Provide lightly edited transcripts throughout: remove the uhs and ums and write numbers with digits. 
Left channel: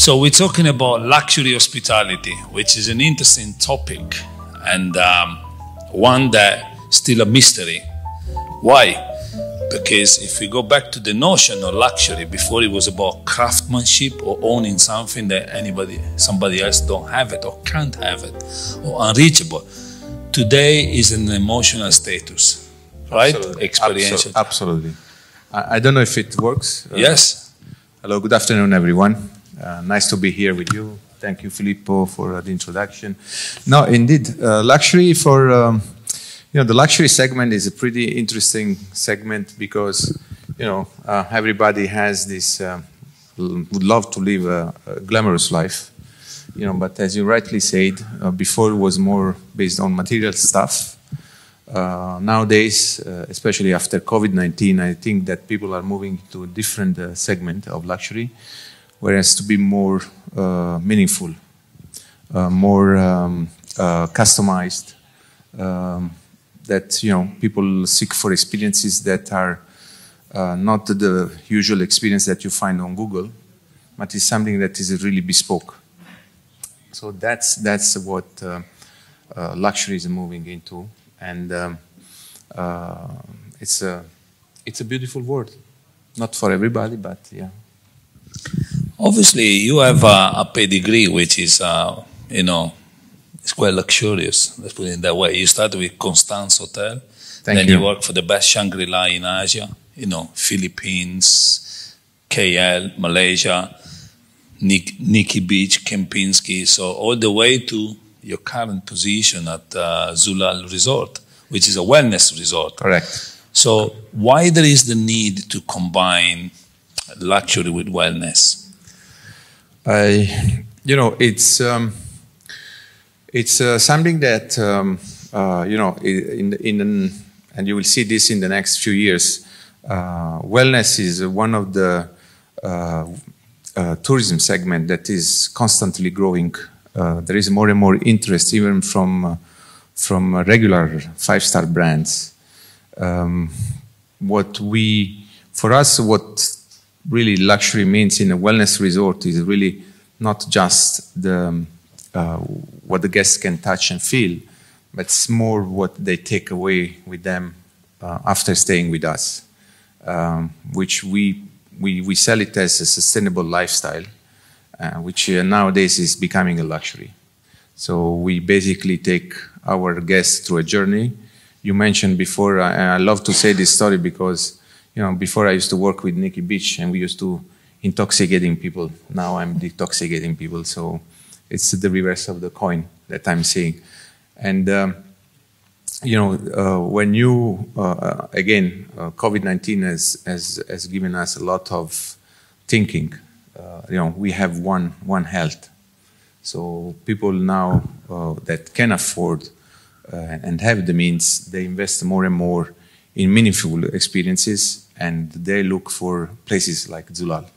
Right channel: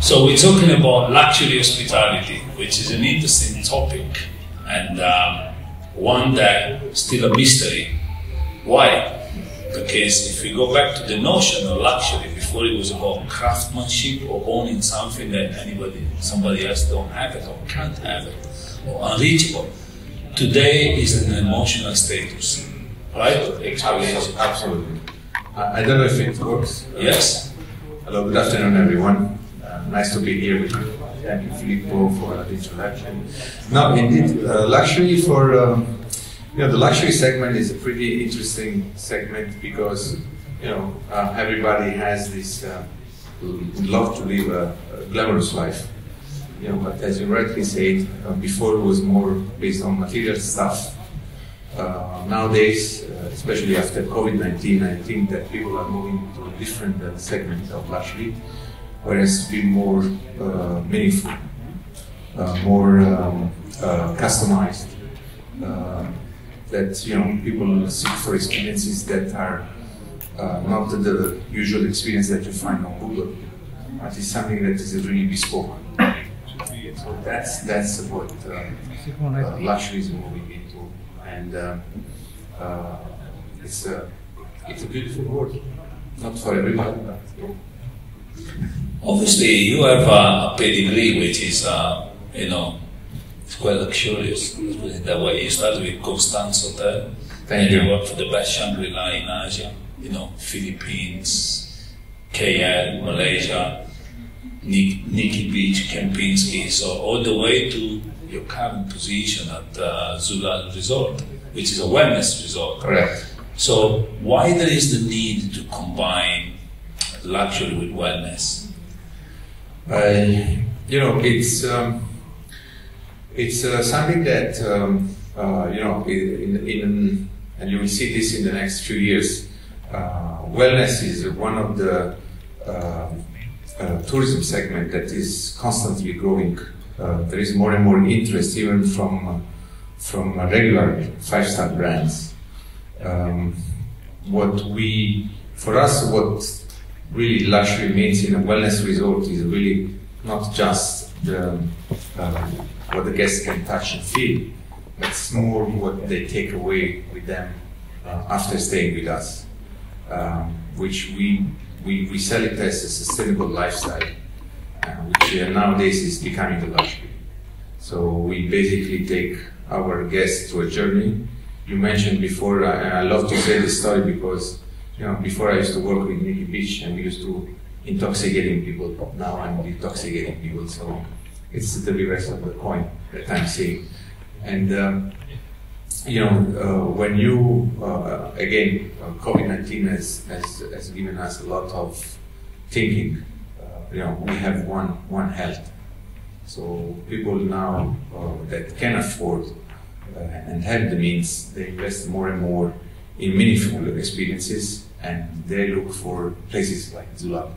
So we're talking about luxury hospitality, which is an interesting topic and one that still a mystery. Why? Because if we go back to the notion of luxury, before it was about craftsmanship or owning something that somebody else don't have it or can't have it or unreachable. Today is an emotional status, right? Experience. Absolutely. I don't know if it works. Yes. Hello, good afternoon, everyone. Nice to be here with you. Thank you, Filippo, for the introduction. No, indeed, luxury for the luxury segment is a pretty interesting segment because everybody has this would love to live a glamorous life, but as you rightly said, before it was more based on material stuff. Nowadays, especially after COVID-19, I think that people are moving to a different segment of luxury, whereas to be more meaningful, more customized. That people seek for experiences that are not the usual experience that you find on Google, but is something that is really bespoke. So that's what luxury is moving into, and it's a beautiful word, not for everybody, but yeah. Obviously, you have a pedigree which is it's quite luxurious, let's put it that way. You started with Constance Hotel, then you worked for the best Shangri-La in Asia, Philippines, KL, Malaysia, Nikki Beach, Kempinski, so all the way to your current position at Zulal Resort, which is a wellness resort. Correct. So why there is the need to combine luxury with wellness? It's something that and you will see this in the next few years. Wellness is one of the tourism segment that is constantly growing. There is more and more interest, even from regular five-star brands. What really luxury means in a wellness resort is really not just what the guests can touch and feel, but it's more what they take away with them after staying with us, which we sell it as a sustainable lifestyle, which nowadays is becoming a luxury. So we basically take our guests through a journey. You mentioned before, I love to say this story because before I used to work with Nikki Beach and we used to intoxicating people. Now I'm detoxicating people, so it's the reverse of the coin that I'm seeing. And when you again, COVID-19 has given us a lot of thinking. We have one health, so people now that can afford and have the means, they invest more and more in meaningful experiences, and they look for places like Zulal.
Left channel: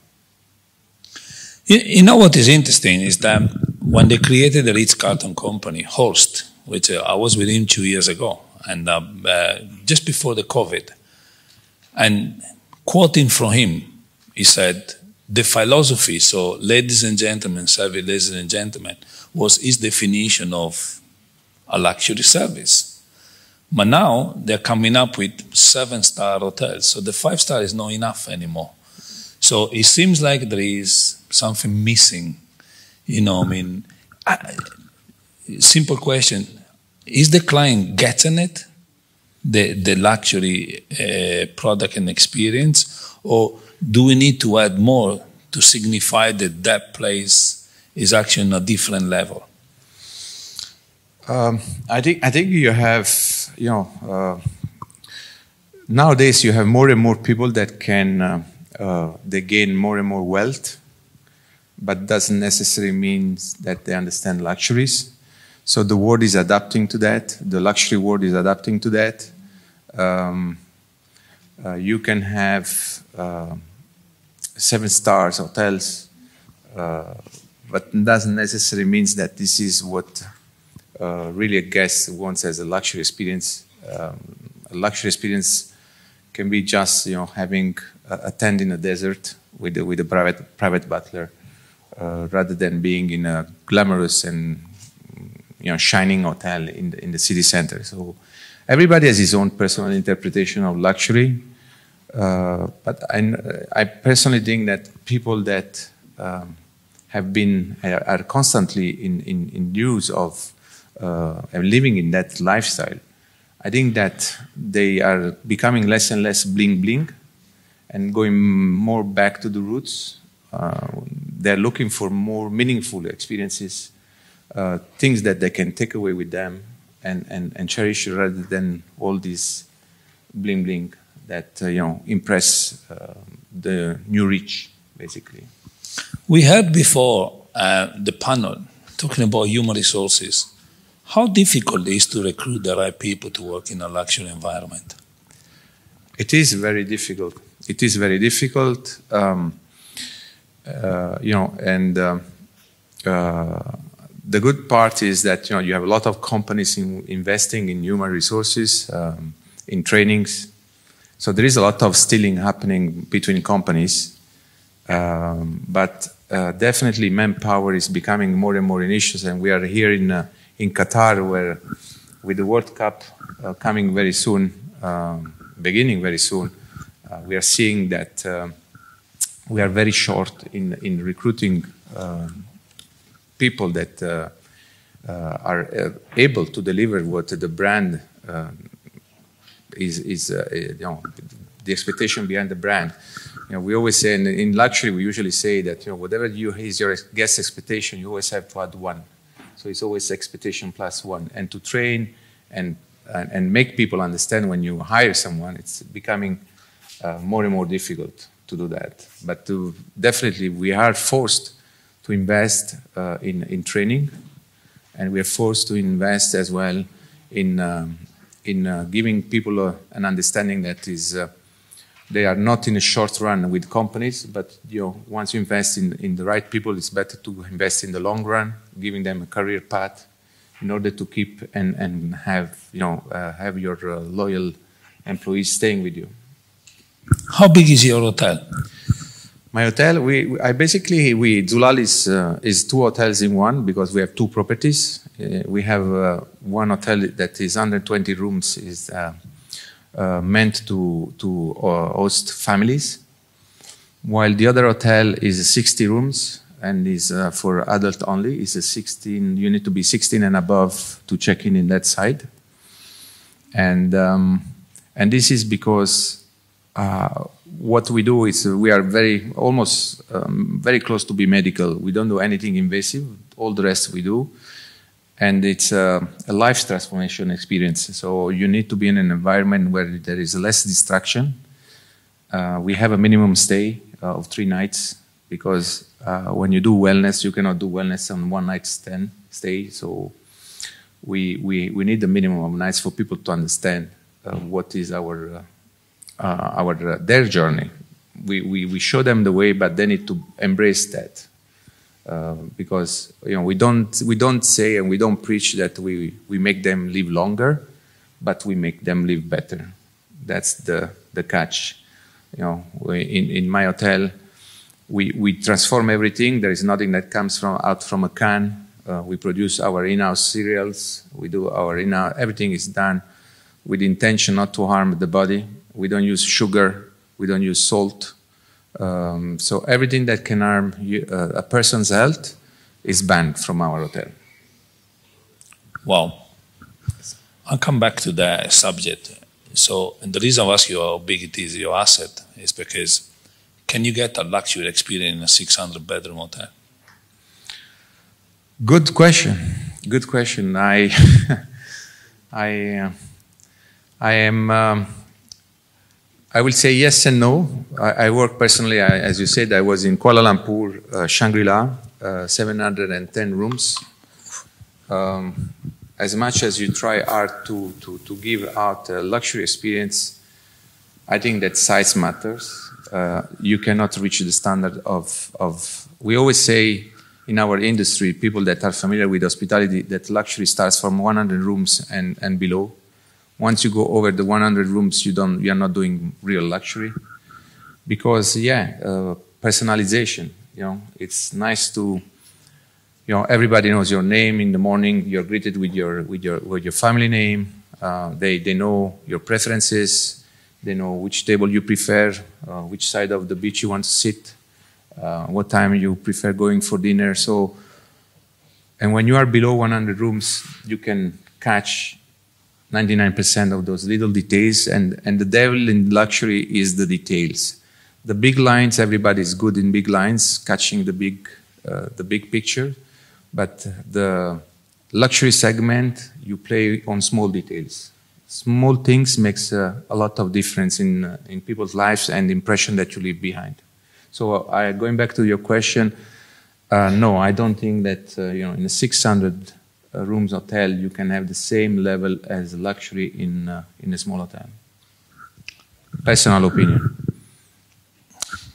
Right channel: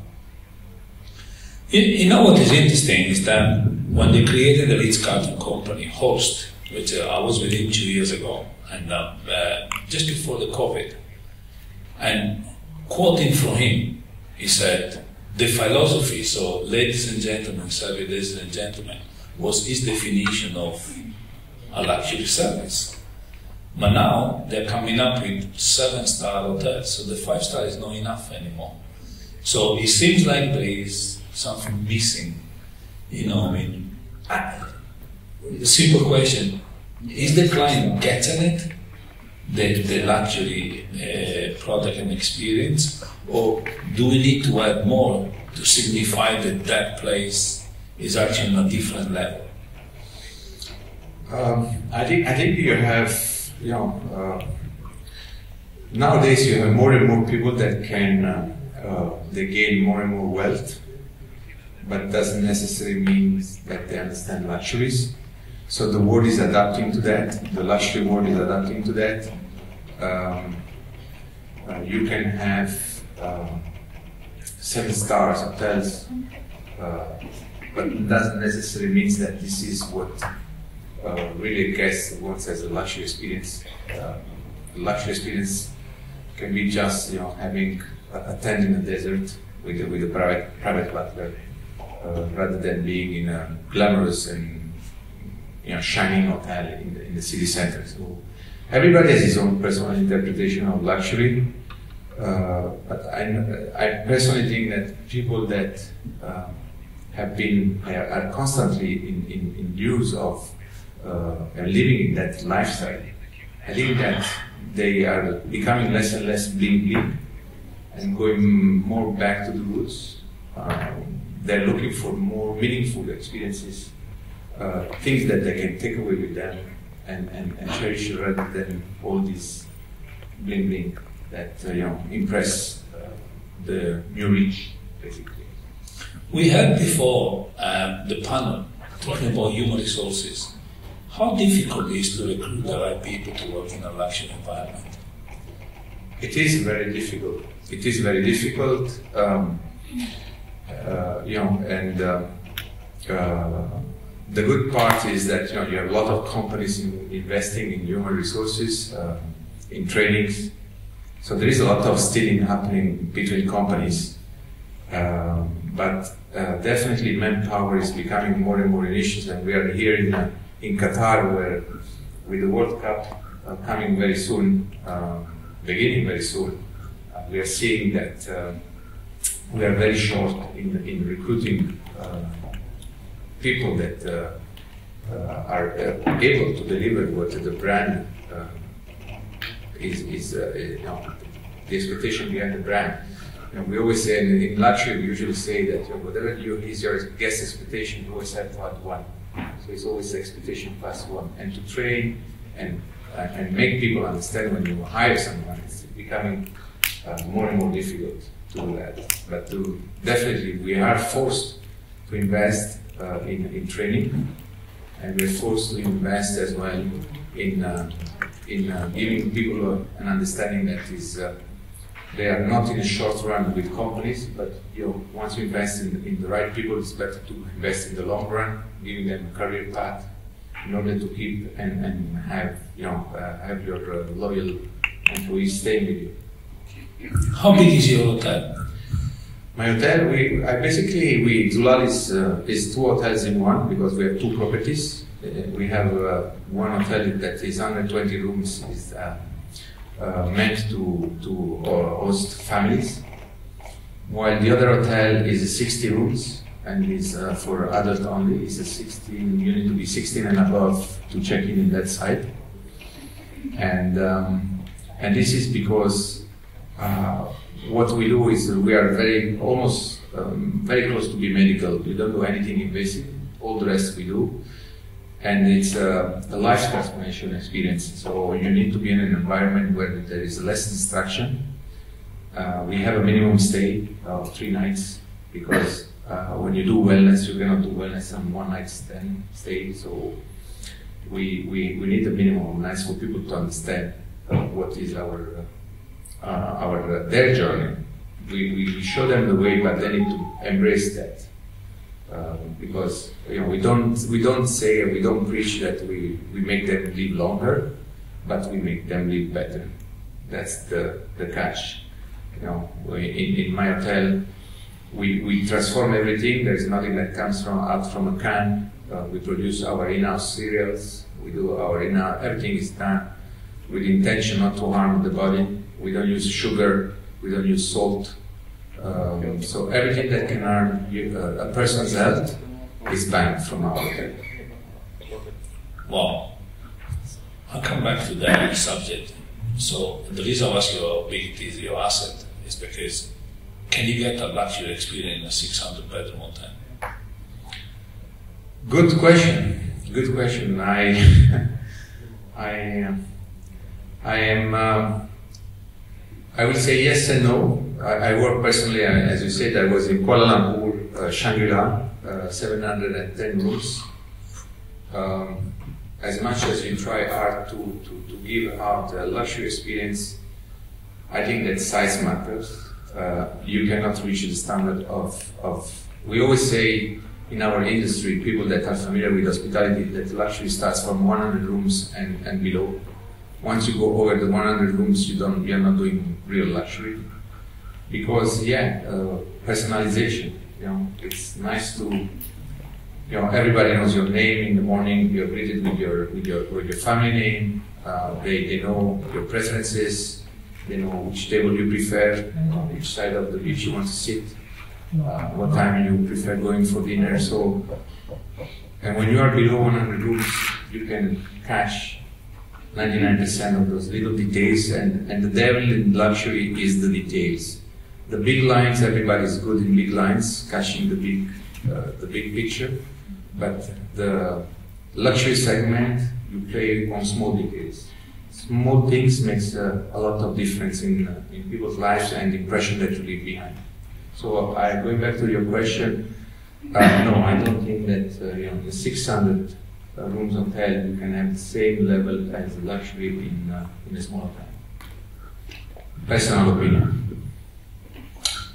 You know what is interesting is that when they created the Ritz-Carlton company, Host, which I was with him 2 years ago, and just before the COVID, and quoting from him, he said, the philosophy, so ladies and gentlemen, service ladies and gentlemen, was his definition of a luxury service. But now they're coming up with 7-star hotels, so the 5-star is not enough anymore. So it seems like there is something missing, simple question, is the client getting it, the luxury product and experience, or do we need to add more to signify that place is actually on a different level? I think you have, nowadays you have more and more people that can, they gain more and more wealth, but doesn't necessarily mean that they understand luxuries. So the world is adapting to that, the luxury world is adapting to that. You can have 7-star hotels, but it doesn't necessarily mean that this is what really a guest wants as a luxury experience. A luxury experience can be just having a tent in a desert with a private butler, rather than being in a glamorous and shining hotel in the city center. So everybody has his own personal interpretation of luxury, but I personally think that people that are constantly in use of living in that lifestyle, I think that they are becoming less and less bling bling and going more back to the roots. They're looking for more meaningful experiences, things that they can take away with them and cherish rather than all this bling bling that impress the new rich, basically. We had before the panel talking about human resources. How difficult it is to recruit the right people to work in a luxury environment? It is very difficult. It is very difficult, the good part is that you have a lot of companies investing in human resources, in trainings. So there is a lot of stealing happening between companies, but definitely manpower is becoming more and more an issue. And we are here in Qatar, where with the World Cup coming very soon, beginning very soon, we are seeing that we are very short in recruiting people that are able to deliver what the brand is the expectation behind the brand. We always say in luxury, we usually say that whatever is your guest expectation, you always have to add one. So it's always expectation plus one. And to train and make people understand when you hire someone, it's becoming more and more difficult to do that. But definitely we are forced to invest in training, and we are forced to invest as well in giving people an understanding that is they are not in a short run with companies, but once you invest in the right people, it's better to invest in the long run, giving them a career path in order to keep and have your loyal employees staying with you. How big is your hotel? My hotel, Zulal is two hotels in one, because we have two properties. We have one hotel that is under 20 rooms, is meant to host families, while the other hotel is 60 rooms and is for adult only. It's a 16. You need to be 16 and above to check in that side, and this is because what we do is we are very close to be medical. We don't do anything invasive. All the rest we do. And it's a life transformation experience. So you need to be in an environment where there is less distraction. We have a minimum stay of 3 nights, because when you do wellness, you cannot do wellness on one night stay. So we need a minimum of nights for people to understand what is their journey. We show them the way, but they need to embrace that. Because we don't say and we don't preach that we make them live longer, but we make them live better. That's the catch. In my hotel, we transform everything. There is nothing that comes out from a can. We produce our in-house cereals. We do our everything is done with the intention not to harm the body. We don't use sugar. We don't use salt. So everything that can harm a person's health is banned from our hotel. Wow. I'll come back to that subject. So, and the reason I ask you how big it is, your asset, is because can you get a luxury experience in a 600-bedroom hotel? Good question. Good question. I will say yes and no. I work personally, as you said, I was in Kuala Lumpur, Shangri-La, 710 rooms. As much as you try hard to give out a luxury experience, I think that size matters. You cannot reach the standard of we always say in our industry, people that are familiar with hospitality, that luxury starts from 100 rooms and below. Once you go over the 100 rooms, you are not doing real luxury, because personalization. You know, it's nice to, you know, everybody knows your name in the morning. You're greeted with your family name. They know your preferences. They know which table you prefer, which side of the beach you want to sit, what time you prefer going for dinner. So, and when you are below 100 rooms, you can catch 99% of those little details, and the devil in luxury is the details. The big lines, everybody's good in big lines, catching the big picture, but the luxury segment, you play on small details. Small things makes a lot of difference in people's lives and the impression that you leave behind. So going back to your question, no, I don't think that you know, in a 600 rooms hotel you can have the same level as luxury in a small hotel. Personal opinion.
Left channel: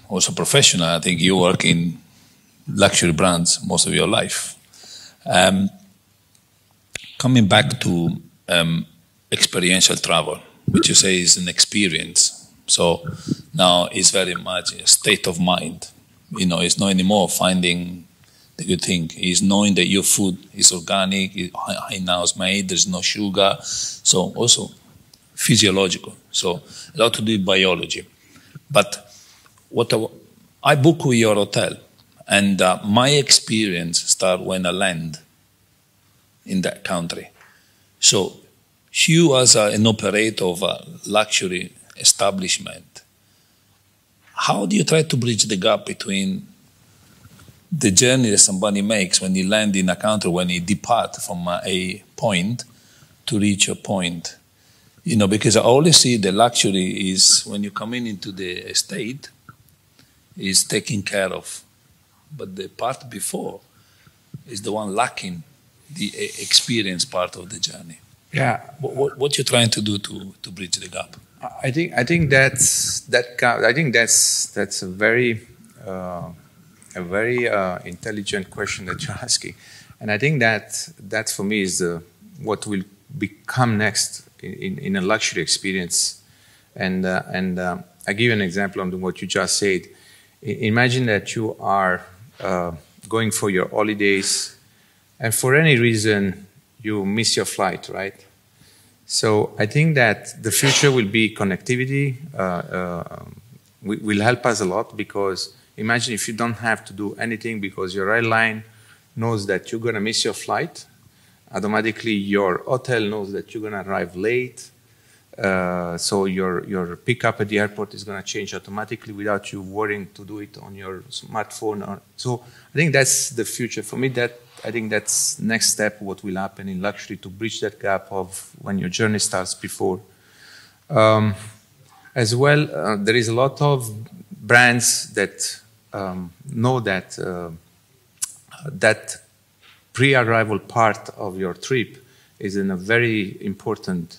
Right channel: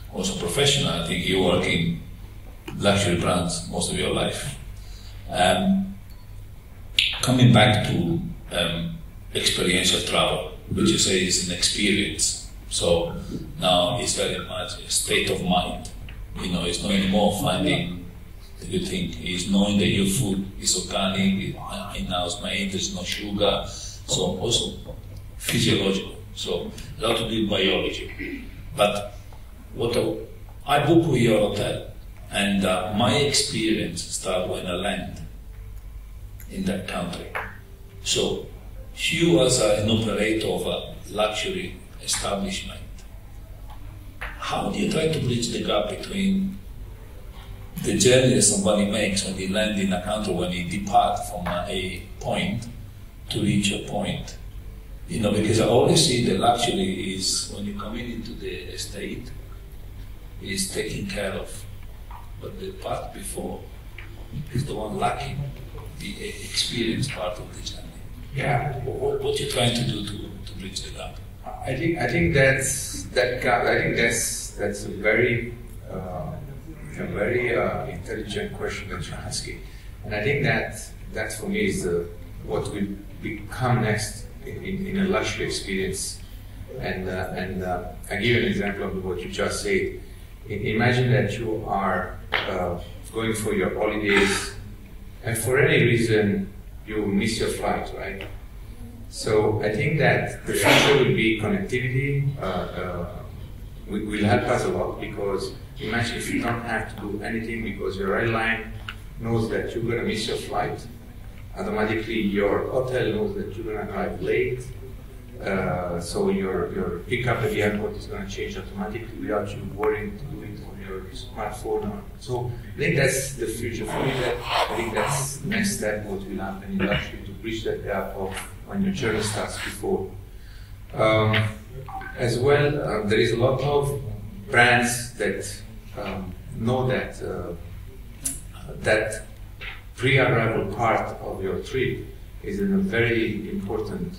Also professional, I think you work in luxury brands most of your life. Coming back to experiential travel, which you say is an experience. So now it's very much a state of mind. You know, it's not anymore finding the good thing. It's knowing that your food is organic, in-house made, there's no sugar. So also physiological. So a lot to do with biology. But I book with your hotel, and my experience starts when I land in that country. So you as an operator of a luxury establishment, how do you try to bridge the gap between the journey that somebody makes when he lands in a country, when he departs from a point to reach a point? You know, because I always see the luxury is when you come into the estate, is taken care of. But the part before is the one lacking the experience part of the journey. Yeah. What you're trying to do to bridge the gap? I think that's a very intelligent question that you're asking, and I think that for me is what will become next in a luxury experience. And I give you an example of what you just said. Imagine that you are going for your holidays, and for any reason you miss your flight, right? So I think that the future will be connectivity. Will help us a lot, because imagine if you don't have to do anything because your airline knows that you're gonna miss your flight. Automatically your hotel knows that you're gonna arrive late. So your pickup at the airport is going to change automatically without you worrying to do it on your smartphone. So I think that's the future for me. I think that's next step. What will happen in luxury to bridge that gap of when your journey starts before. As well, there is a lot of brands that know that that pre-arrival part of your trip is a very important.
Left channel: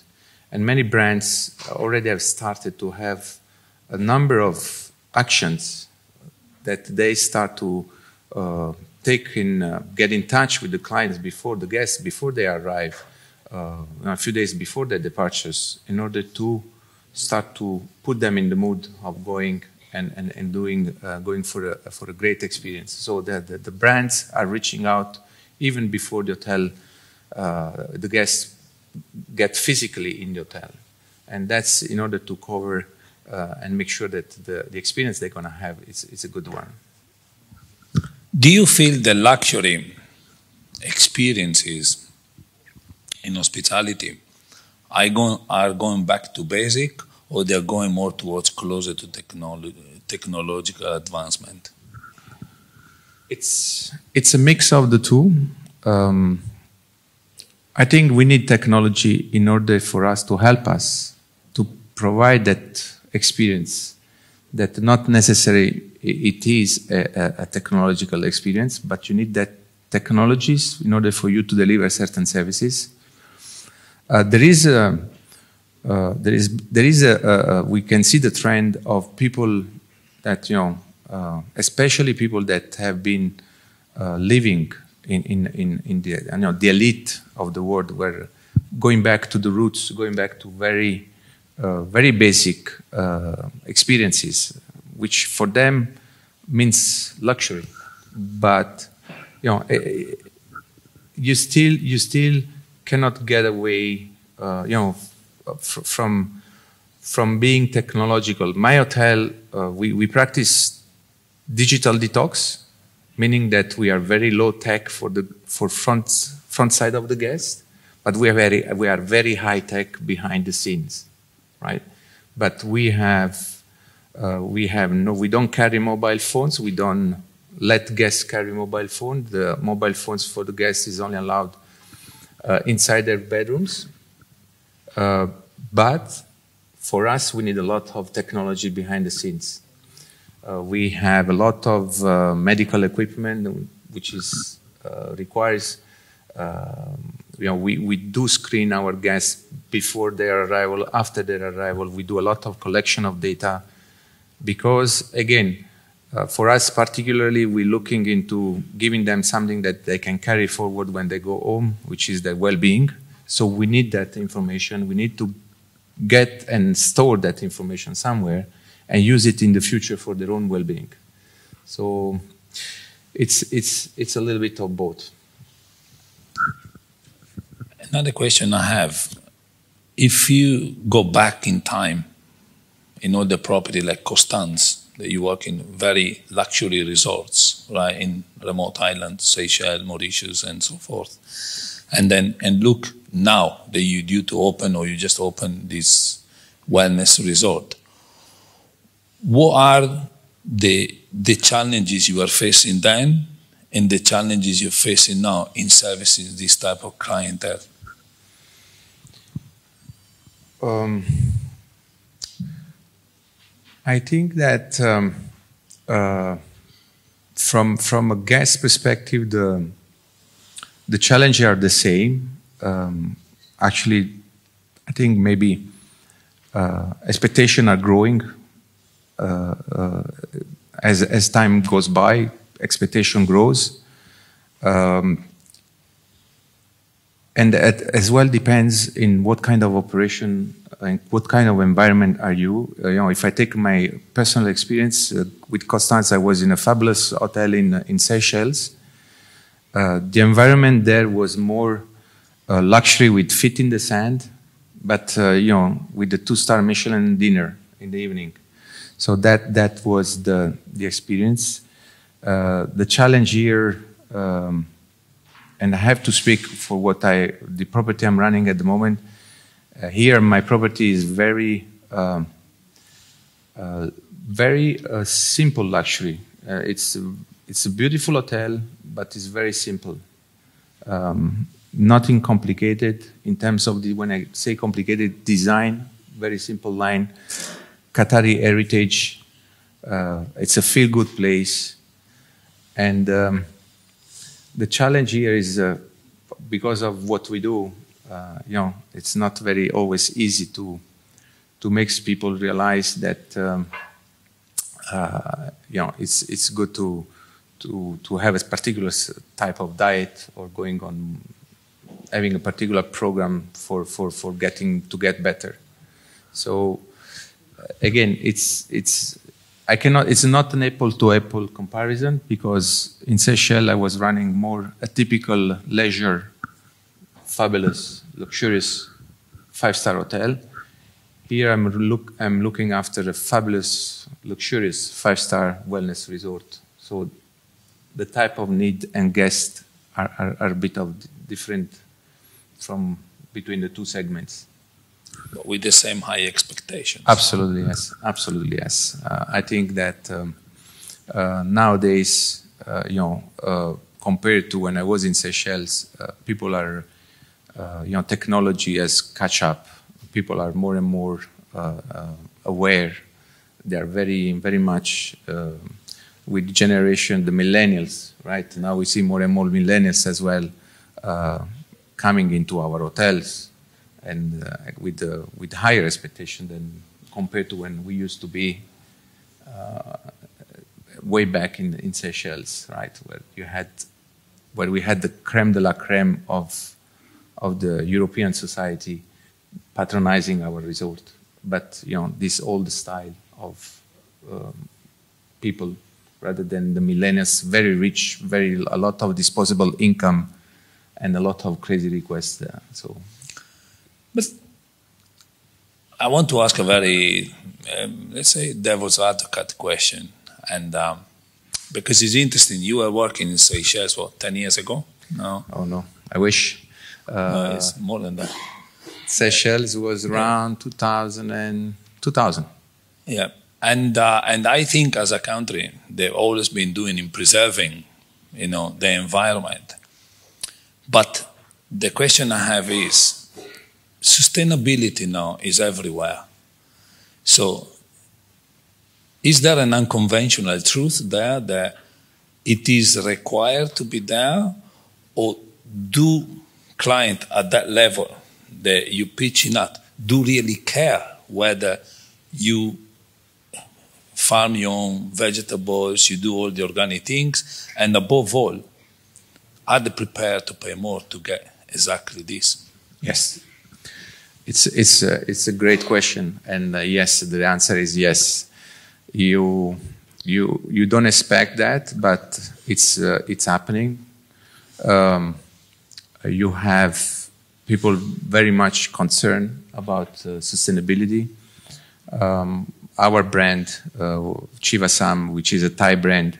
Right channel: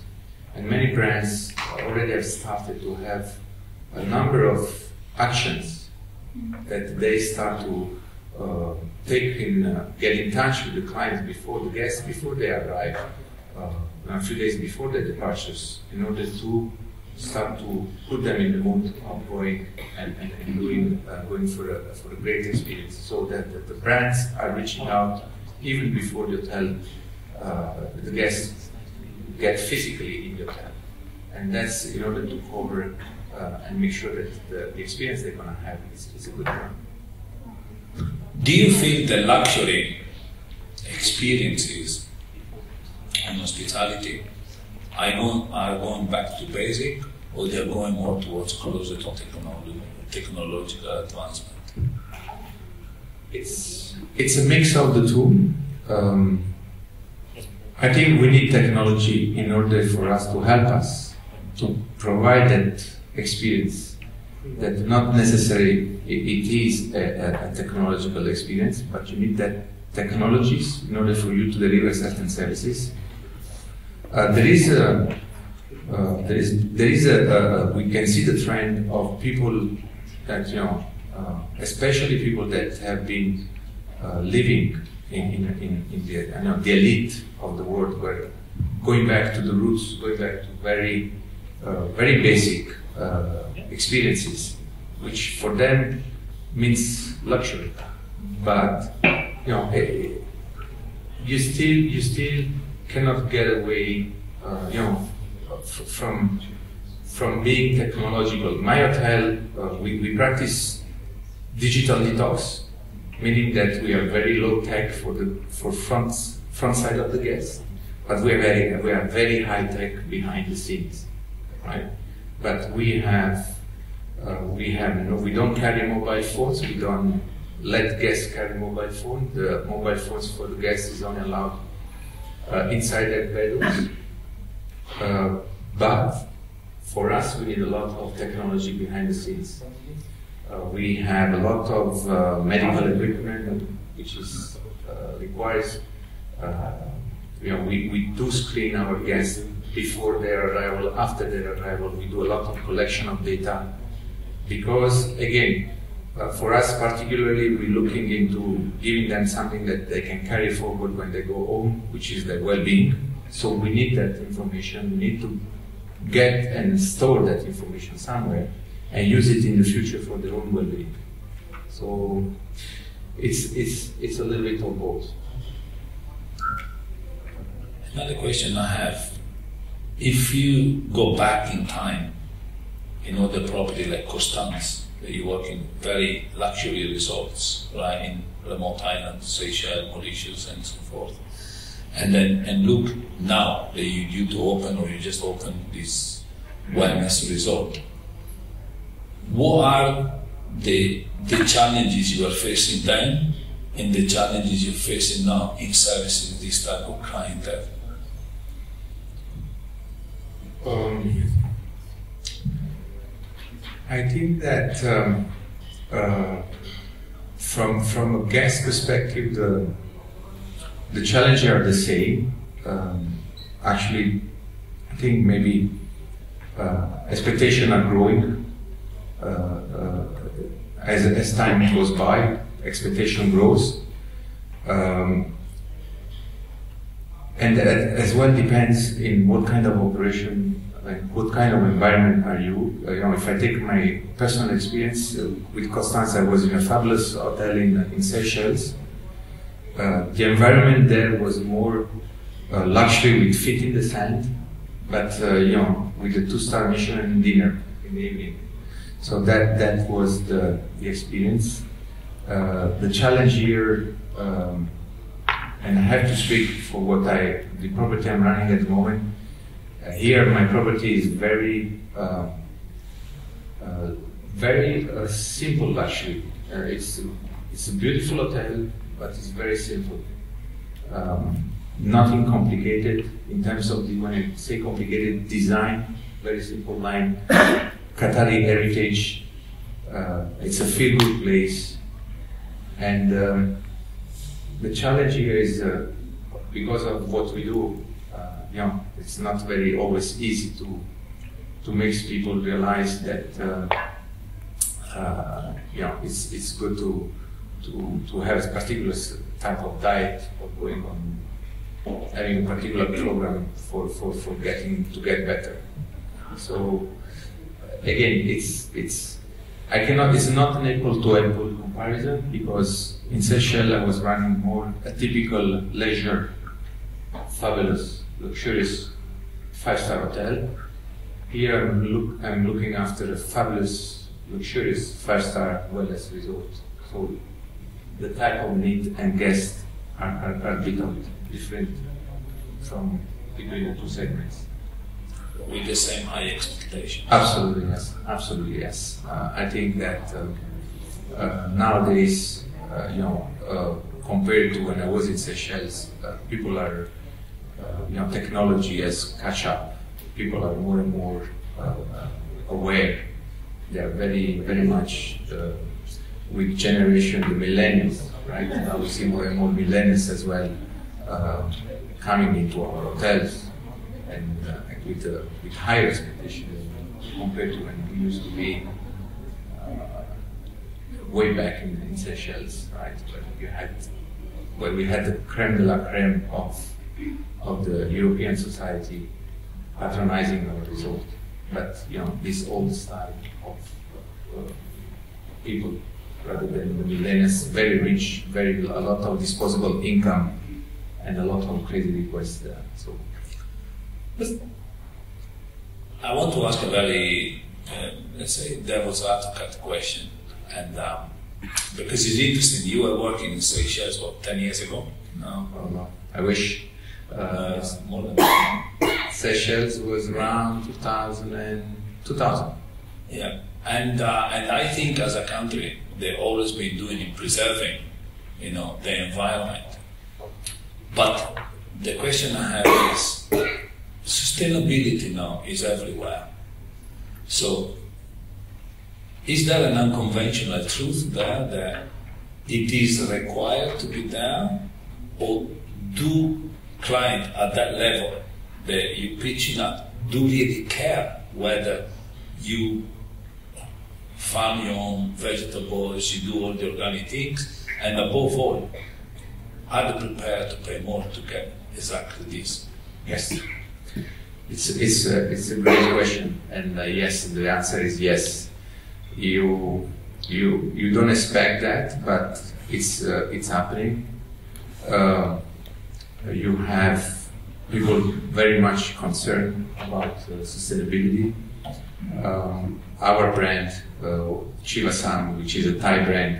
And many brands already have started to have a number of actions that they start to take get in touch with the clients before the guests, before they arrive, a few days before their departures, in order to start to put them in the mood of going and going for a great experience. So that the brands are reaching out even before the hotel, the guests get physically in the hotel, and that's in order to cover and make sure that the experience they're going to have is a good one. Do you feel the luxury experiences in hospitality are going back to basic, or they're going more towards closer to technological advancement? It's a mix of the two. I think we need technology in order for us to help us to provide that experience, that not necessarily it is a technological experience, but you need that technologies in order for you to deliver certain services. We can see the trend of people that, especially people that have been living in the elite of the world, were going back to the roots, going back to very basic experiences, which for them means luxury, but you still cannot get away, from being technological. My hotel, we practice digital detox, meaning that we are very low tech for front side of the guest, but we are very high tech behind the scenes, right? But we don't carry mobile phones. We don't let guests carry mobile phone. The mobile phones for the guests is only allowed inside their bedrooms. But for us, we need a lot of technology behind the scenes. We have a lot of medical equipment, which is requires. We do screen our guests before their arrival, after their arrival. We do a lot of collection of data, because again, for us particularly, we're looking into giving them something that they can carry forward when they go home, which is their well-being. So we need that information. We need to get and store that information somewhere and use it in the future for their own well-being. So it's a little bit of both. Another question I have: if you go back in time, the property like Constance, that you work in very luxury resorts, right, in remote islands, Seychelles, Mauritius, and so forth, and look now that you're due to open, or you just opened this wellness resort, what are the challenges you are facing then and the challenges you're facing now in servicing this type of clientele? I think that from a guest perspective, the challenges are the same. Actually, I think maybe expectations are growing as time goes by. Expectation grows, and that as well depends in what kind of operation and what kind of environment are you. If I take my personal experience with Constance, I was in a fabulous hotel in Seychelles. The environment there was more luxury with feet in the sand, but with the 2-star Michelin dinner in the evening. So that was the experience. The challenge here, and I have to speak for the property I'm running at the moment. Here, my property is very simple luxury. It's a beautiful hotel, but it's very simple. Nothing complicated in terms of when I say complicated, design, very simple line. Qatari heritage. It's a feel-good place. And the challenge here is because of what we do, it's not very always easy to make people realize that it's good to have a particular type of diet, or going on having a particular program for get better. So again, it's not an apple to apple comparison, because in Seychelles I was running more a typical leisure, fabulous, luxurious 5-star hotel. Here I'm looking after a fabulous, luxurious 5-star wellness resort. So the type of need and guest are a bit of different from between the two segments. With the same high expectations. Absolutely yes. Absolutely yes. I think that nowadays, compared to when I was in Seychelles, people are, technology has catch up. People are more and more aware. They are very, very much with generation, the millennials, right? Now we see more and more millennials as well coming into our hotels, and with higher expectation than compared to when we used to be way back in Seychelles, right? Where we had the creme de la creme of the European society patronizing our resort. But this old style of people rather than the millennials, very rich, a lot of disposable income, and a lot of crazy requests. But I want to ask a very, let's say, devil's advocate question, and because it's interesting. You were working in Seychelles, what, 10 years ago? No? Oh no, I wish. No, it's more than that. Seychelles was around 2000. Yeah, and I think as a country, they've always been doing in preserving, the environment. But the question I have is, sustainability now is everywhere. So, is there an unconventional truth there that it is required to be there, or do clients at that level that you pitching at do really care whether you farm your own vegetables, you do all the organic things, and above all, are they prepared to pay more to get exactly this? Yes, it's a great question, and yes, the answer is yes. You don't expect that, but it's happening. You have people very much concerned about sustainability. Our brand, Chivasam, which is a Thai brand,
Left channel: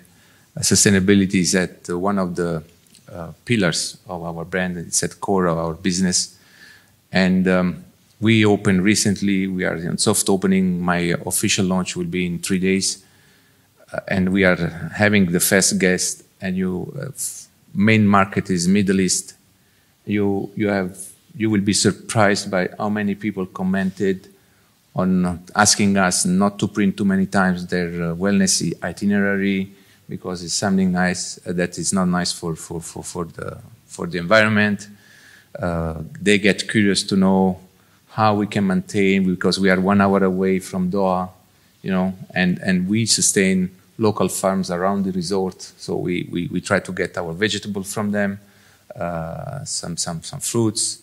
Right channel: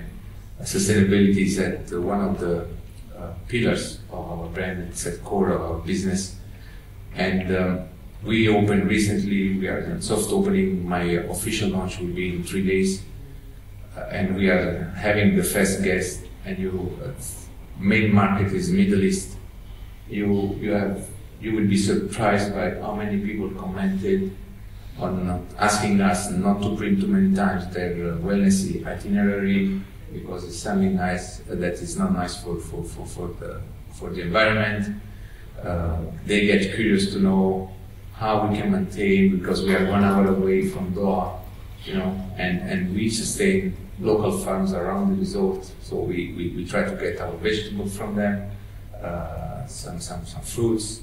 sustainability is at one of the pillars of our brand. It's at core of our business. And we opened recently. We are in soft opening. My official launch will be in 3 days, and we are having the first guest. And main market is Middle East. You will be surprised by how many people commented on asking us not to print too many times their wellness itinerary, because it's something nice that is not nice for the environment. They get curious to know how we can maintain, because we are 1 hour away from Doha, and we sustain local farms around the resort. So we try to get our vegetables from them, some fruits.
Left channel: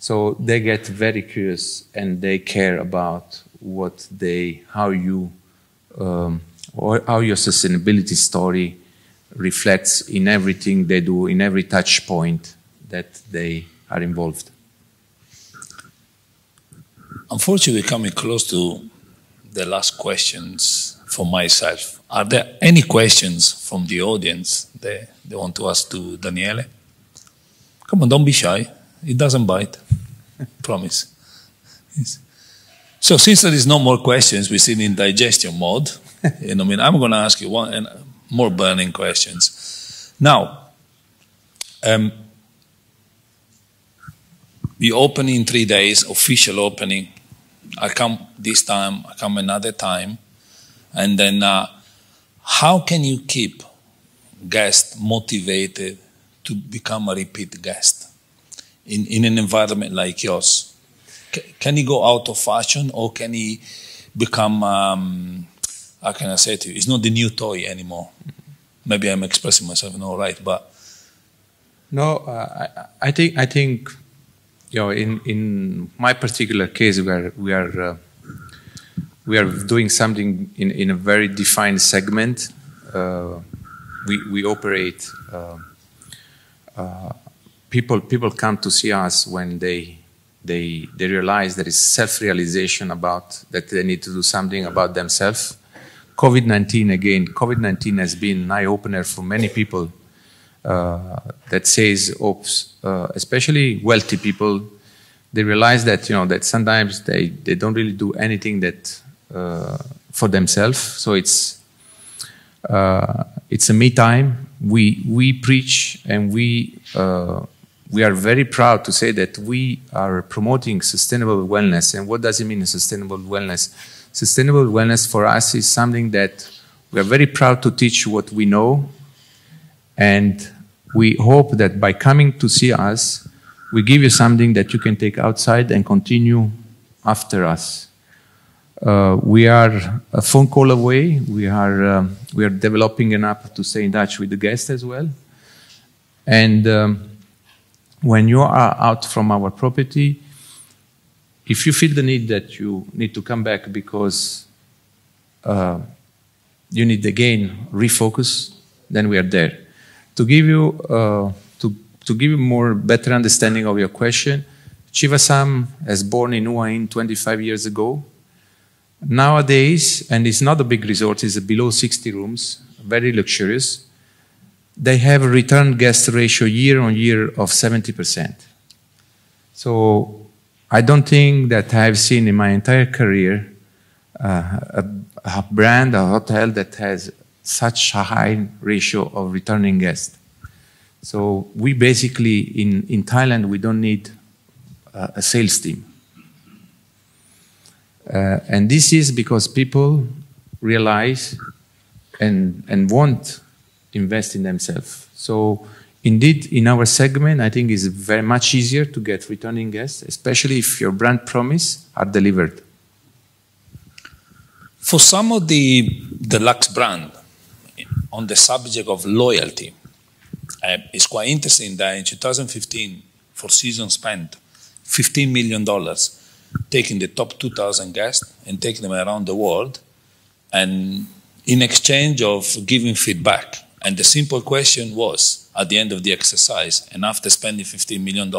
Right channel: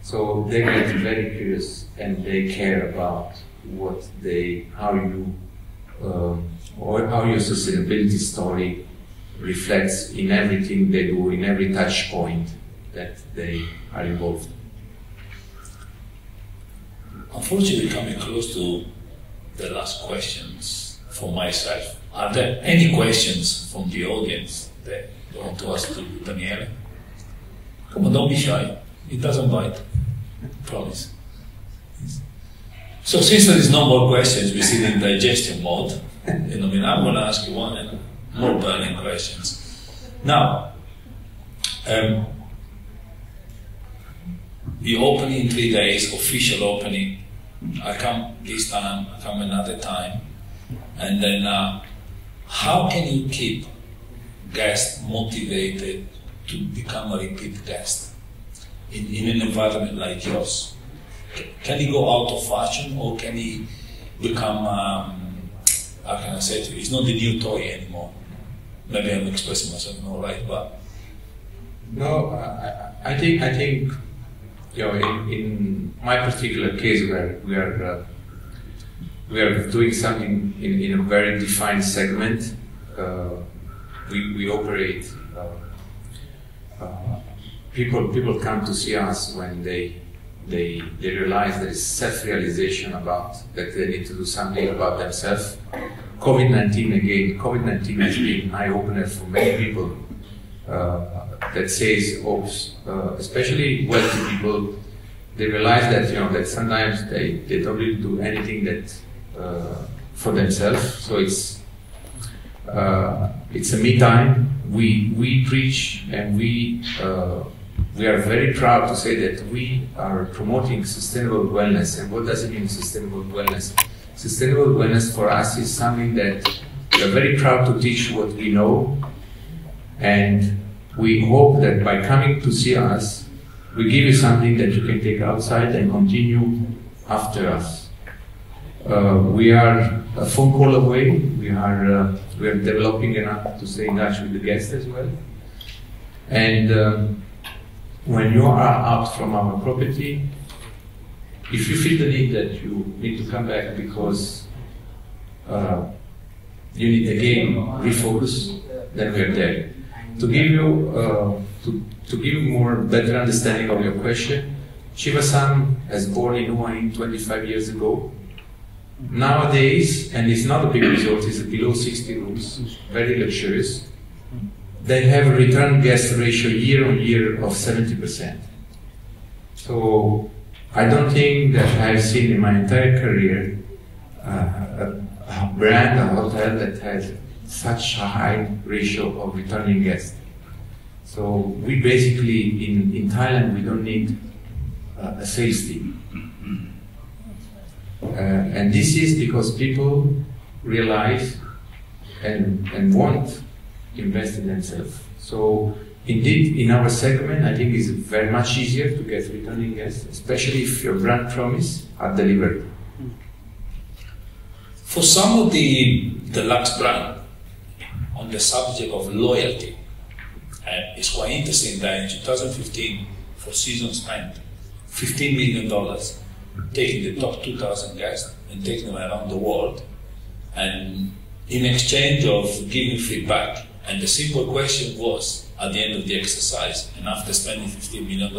So they get very curious, and they care about how your sustainability story reflects in everything they do, in every touch point that they are involved. Unfortunately, coming close to the last questions for myself. Are there any questions from the audience that they want to ask to Daniele? Come on, don't be shy. It doesn't bite. Promise. So since there is no more questions, we sit in digestion mode. I'm going to ask you one and more burning questions. Now, we open in 3 days, official opening. I come this time, I come another time. And then how can you keep guests motivated to become a repeat guest in an environment like yours? Can he go out of fashion, or can he become, how can I say to you, it's not the new toy anymore? Maybe I'm expressing myself not right, but... No, I think in my particular case, we are doing something in a very defined segment. We operate. People come to see us when they realize there is self-realization about that they need to do something about themselves. COVID-19 has been an eye-opener for many people. That says, especially wealthy people, they realize that that sometimes they don't really do anything that for themselves. So it's a me time. We preach, and we are very proud to say that we are promoting sustainable wellness. And what does it mean, sustainable wellness? Sustainable wellness for us is something that we're very proud to teach what we know. And we hope that by coming to see us, we give you something that you can take outside and continue after us. We are a phone call away. We are developing an app to stay in touch with the guests as well. And when you are out from our property, if you feel the need that you need to come back because you need again refocus, then we are there. To give you to give you more better understanding of your question, Chivasam was born in Hua Hin 25 years ago. Nowadays, and it's not a big resort, it's below 60 rooms, very luxurious. They have a return guest ratio year on year of 70%. So I don't think that I've seen in my entire career a brand, a hotel that has such a high ratio of returning guests. So we basically, in Thailand, we don't need a sales team. And this is because people realize and want to invest in themselves. So indeed, in our segment, I think it's very much easier to get returning guests, especially if your brand promise are delivered. For some of the Lux brand, on the subject of loyalty, it's quite interesting that in 2015, Four Seasons spent $15 million taking the top 2,000 guests and taking them around the world, and in exchange of giving feedback. And the simple question was, at the end of the exercise, and after spending $15 million,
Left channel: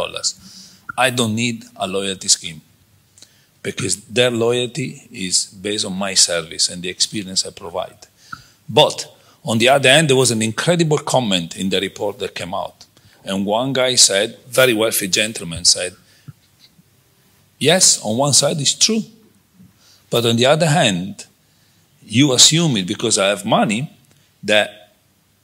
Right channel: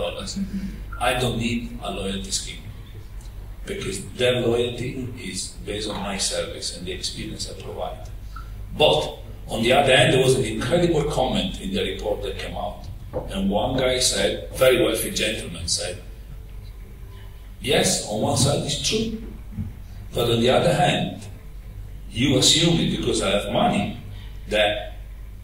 I don't need a loyalty scheme, because their loyalty is based on my service and the experience I provide. But on the other hand, there was an incredible comment in the report that came out. And one guy said, very wealthy gentleman said, yes, on one side it's true, but on the other hand, you assume it because I have money that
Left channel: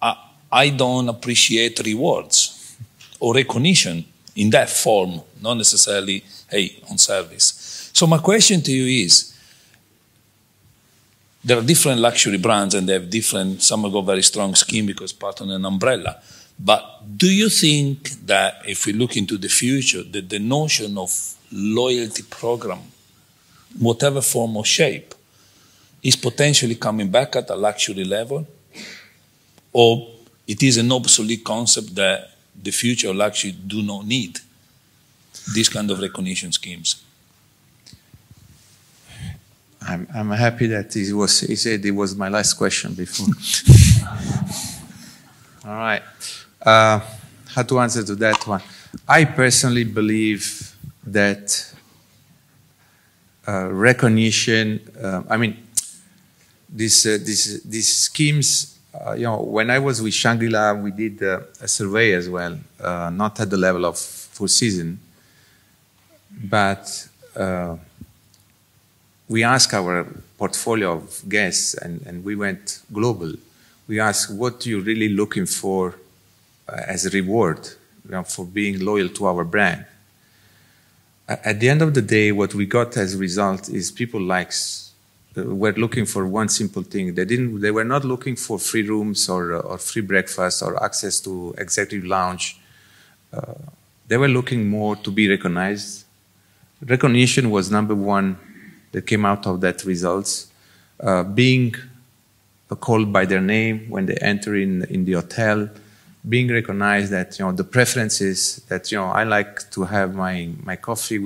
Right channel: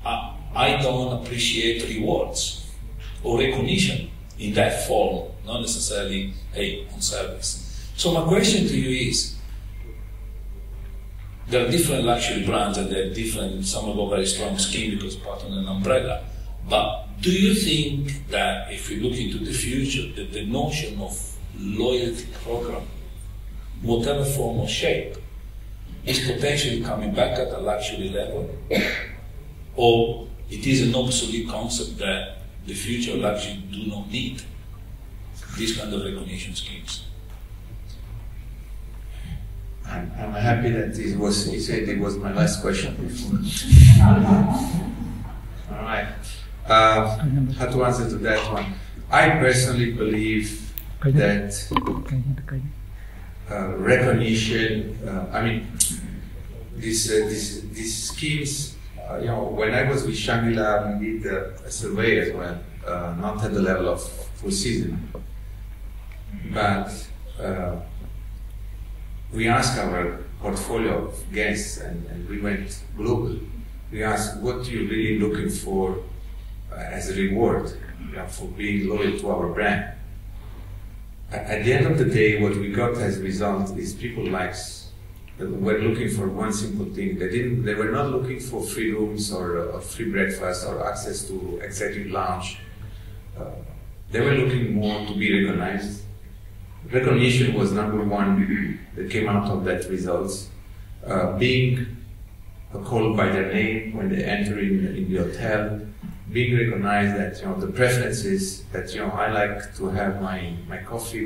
I don't appreciate rewards or recognition in that form, not necessarily, hey, on service. So my question to you is, there are different luxury brands and they have different, some have got very strong scheme because part of an umbrella. But do you think that if we look into the future, that the notion of loyalty program, whatever form or shape, is potentially coming back at a luxury level? Or it is an obsolete concept that the future luxury do not need these kind of recognition schemes? I'm happy that he said it was my last question before. All right. How to answer to that one? I personally believe that recognition. I mean, these schemes. You know, when I was with Shangri-La, we did a survey as well, not at the level of Four Seasons, but. We asked our portfolio of guests, and we went global. We asked, what are you really looking for as a reward, you know, for being loyal to our brand? At the end of the day, what we got as a result is people were looking for one simple thing. They were not looking for free rooms or free breakfast or access to executive lounge. They were looking more to be recognized. Recognition was number one that came out of that results. Being called by their name when they enter in the hotel, being recognized that, you know, the preferences that, you know, I like to have my coffee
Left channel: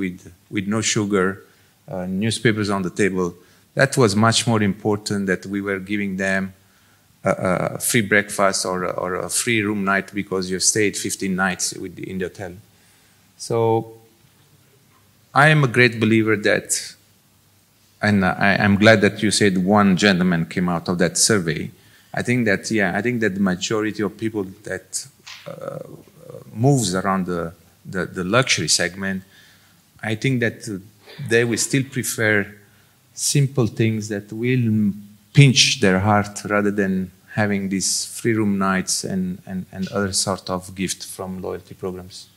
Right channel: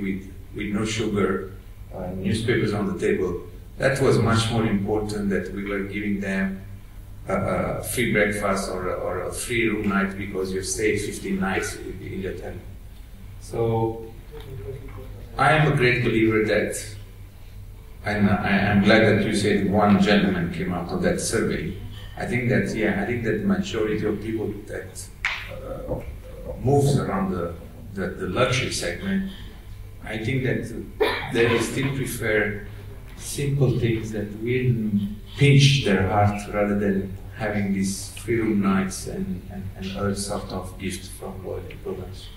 with no sugar, newspapers on the table. That was much more important, that we were giving them a free breakfast or a free room night because you stayed 15 nights in the hotel. So I am a great believer that, and I'm glad that you said one gentleman came out of that survey. I think that, yeah, I think that majority of people that moves around the luxury segment, I think that they will still prefer simple things that will pinch their heart rather than having these free room nights and other sort of gift from loyalty programs.